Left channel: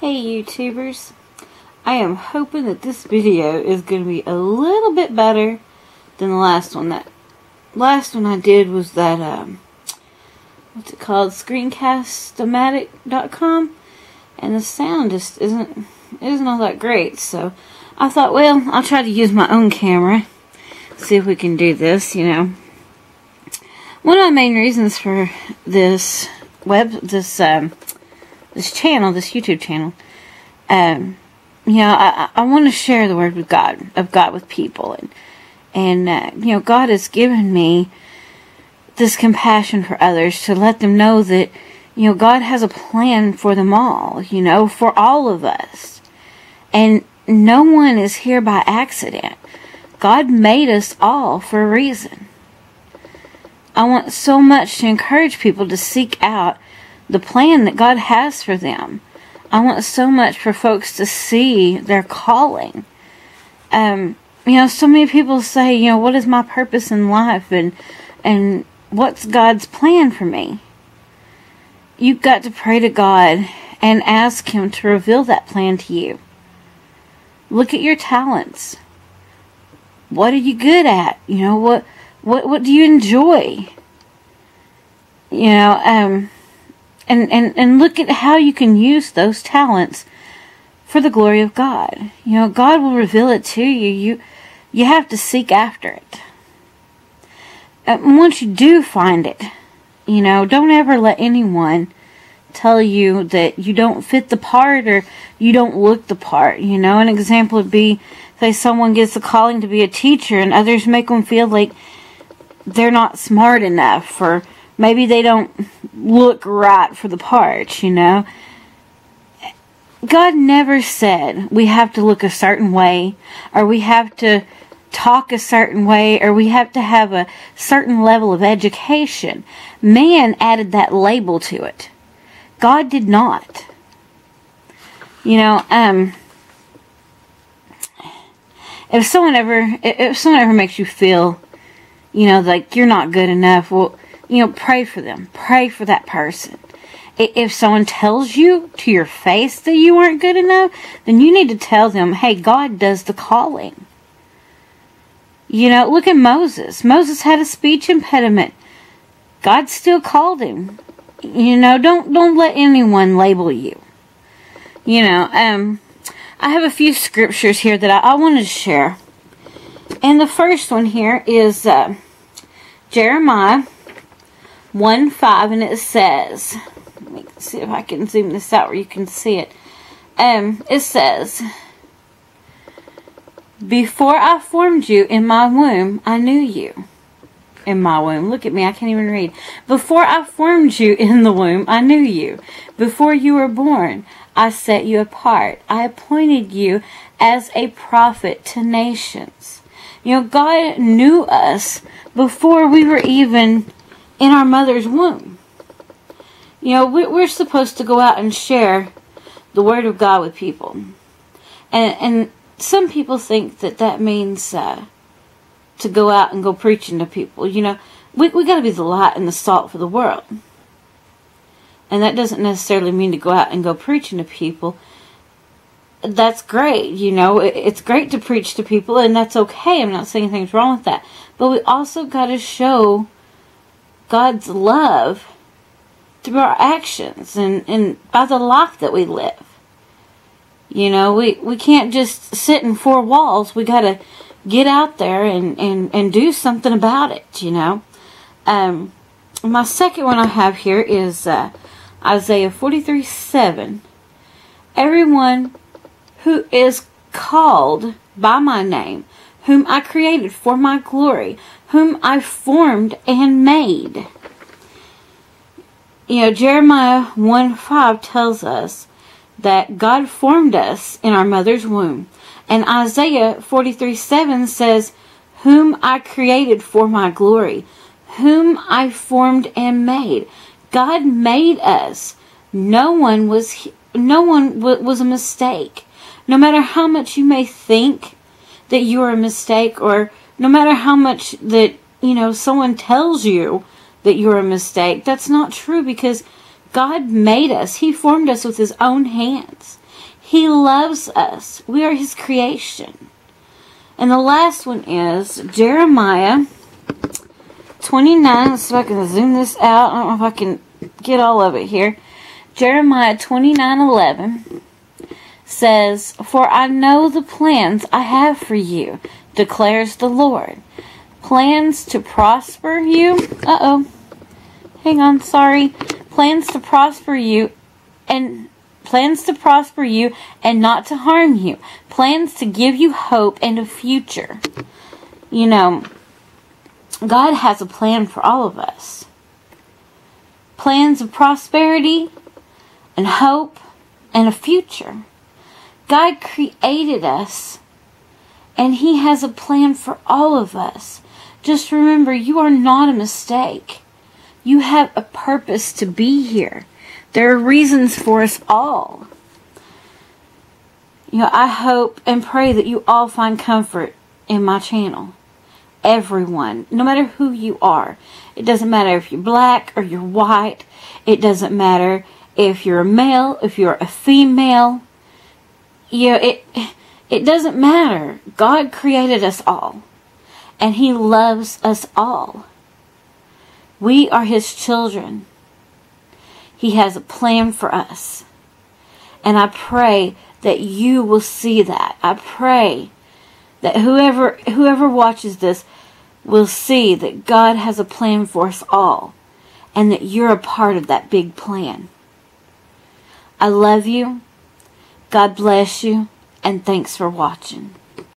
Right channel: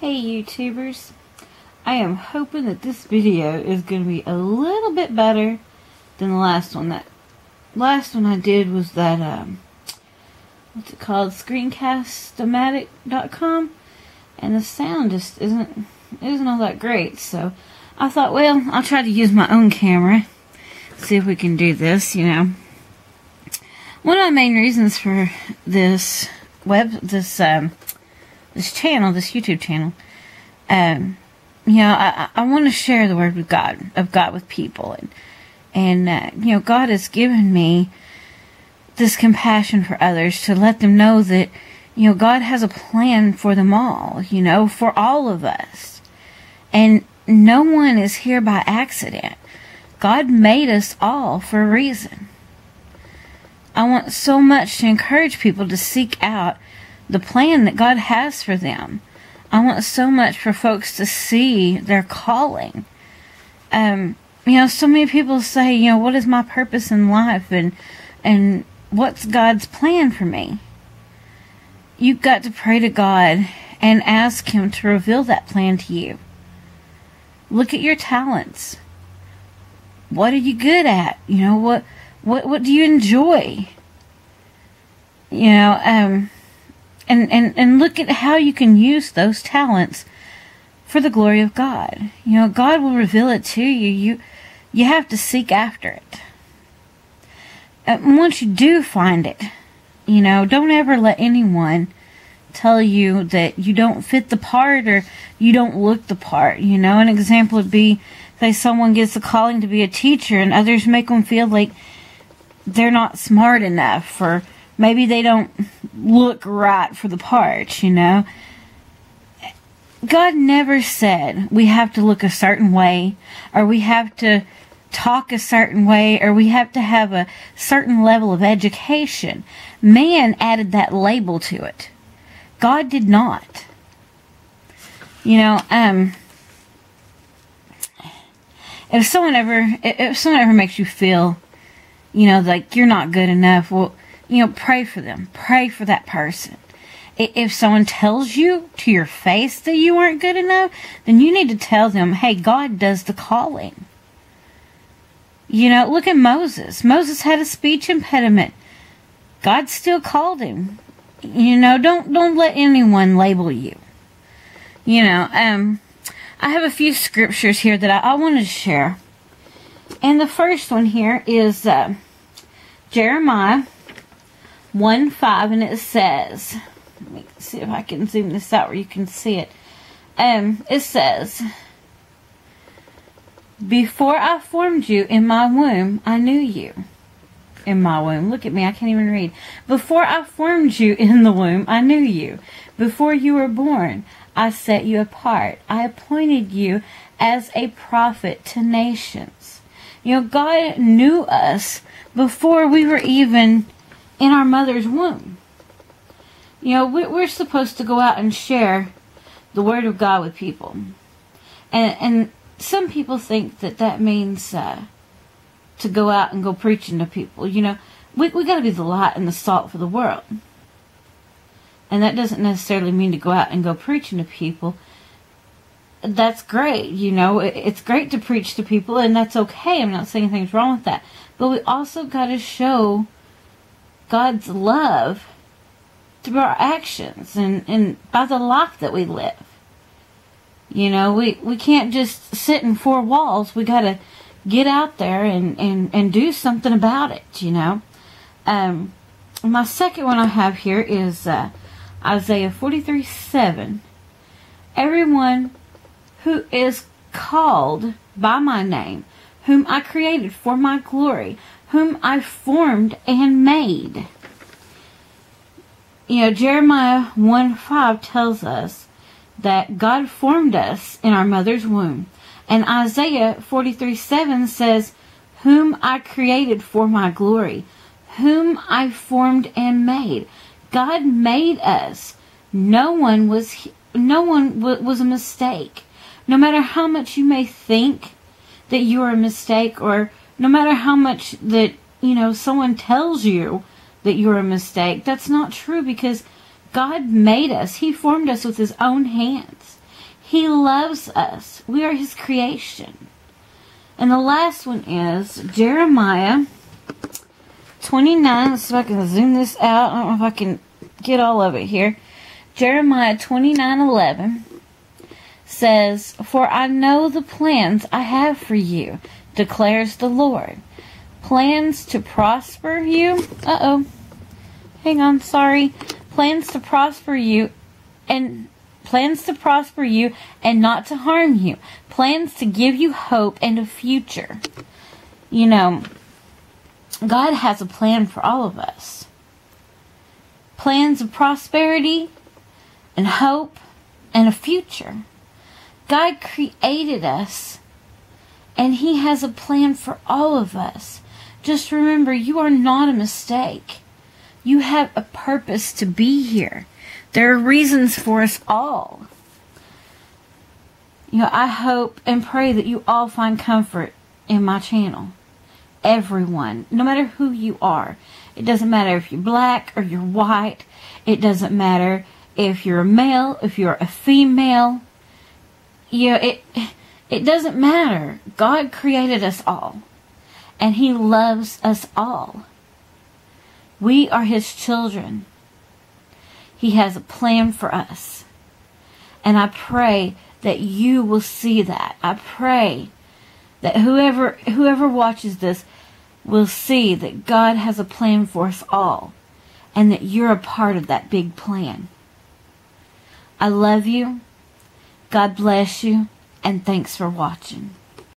Hey YouTubers, I am hoping that this video is going to be a little bit better than the last one. That last one I did was that, what's it called, screencast-o-matic.com, and the sound just isn't all that great, so I thought, well, I'll try to use my own camera, see if we can do this, you know. One of the main reasons for this this channel, this YouTube channel, I want to share the word of God with people, and God has given me this compassion for others to let them know that, God has a plan for them all, for all of us, and no one is here by accident. God made us all for a reason. I want so much to encourage people to seek out the plan that God has for them. I want so much for folks to see their calling. So many people say, what is my purpose in life, and what's God's plan for me? You've got to pray to God and ask Him to reveal that plan to you. Look at your talents. What are you good at? What do you enjoy? And look at how you can use those talents for the glory of God. God will reveal it to you. You have to seek after it. Once you do find it, don't ever let anyone tell you that you don't fit the part or you don't look the part. An example would be, say someone gets a calling to be a teacher and others make them feel like they're not smart enough, or maybe they don't look right for the part, God never said we have to look a certain way, or we have to talk a certain way, or we have to have a certain level of education. Man added that label to it. God did not. If someone ever makes you feel, like you're not good enough, well, pray for them. Pray for that person. If someone tells you to your face that you aren't good enough, then you need to tell them, hey, God does the calling. Look at Moses. Moses had a speech impediment. God still called him. Don't let anyone label you. I have a few scriptures here that I wanted to share. And the first one here is Jeremiah 1:5, and it says, let me see if I can zoom this out where you can see it. It says, before I formed you in my womb, I knew you. In my womb. Look at me, I can't even read. Before I formed you in the womb, I knew you. Before you were born, I set you apart. I appointed you as a prophet to nations. God knew us before we were even in our mother's womb. We're supposed to go out and share the Word of God with people. And some people think that means to go out and go preaching to people. We got to be the light and the salt for the world. And that doesn't necessarily mean to go out and go preaching to people. That's great, it's great to preach to people, and that's okay. I'm not saying anything's wrong with that. But we also got to show God's love through our actions and by the life that we live. We can't just sit in four walls. We got to get out there and do something about it, My second one I have here is Isaiah 43:7. Everyone who is called by my name, whom I created for my glory, whom I formed and made. Jeremiah 1:5 tells us that God formed us in our mother's womb. And Isaiah 43:7 says, whom I created for my glory, whom I formed and made. God made us. No one was a mistake. No matter how much you may think that you are a mistake, or no matter how much that, someone tells you that you're a mistake, that's not true, because God made us. He formed us with His own hands. He loves us. We are His creation. And the last one is Jeremiah 29. Let's see if I can zoom this out. I don't know if I can get all of it here. Jeremiah 29:11 says, "For I know the plans I have for you, declares the Lord. Plans to prosper you." Hang on, sorry. Plans to prosper you and not to harm you. Plans to give you hope and a future. You know, God has a plan for all of us. Plans of prosperity and hope and a future. God created us, and He has a plan for all of us. Just remember, you are not a mistake. You have a purpose to be here. There are reasons for us all. You know, I hope and pray that you all find comfort in my channel. Everyone, no matter who you are. It doesn't matter if you're black or you're white. It doesn't matter if you're a male, if you're a female. You know, it doesn't matter. God created us all. And He loves us all. We are His children. He has a plan for us. And I pray that you will see that. I pray that whoever watches this will see that God has a plan for us all. And that you're a part of that big plan. I love you. God bless you. And thanks for watching.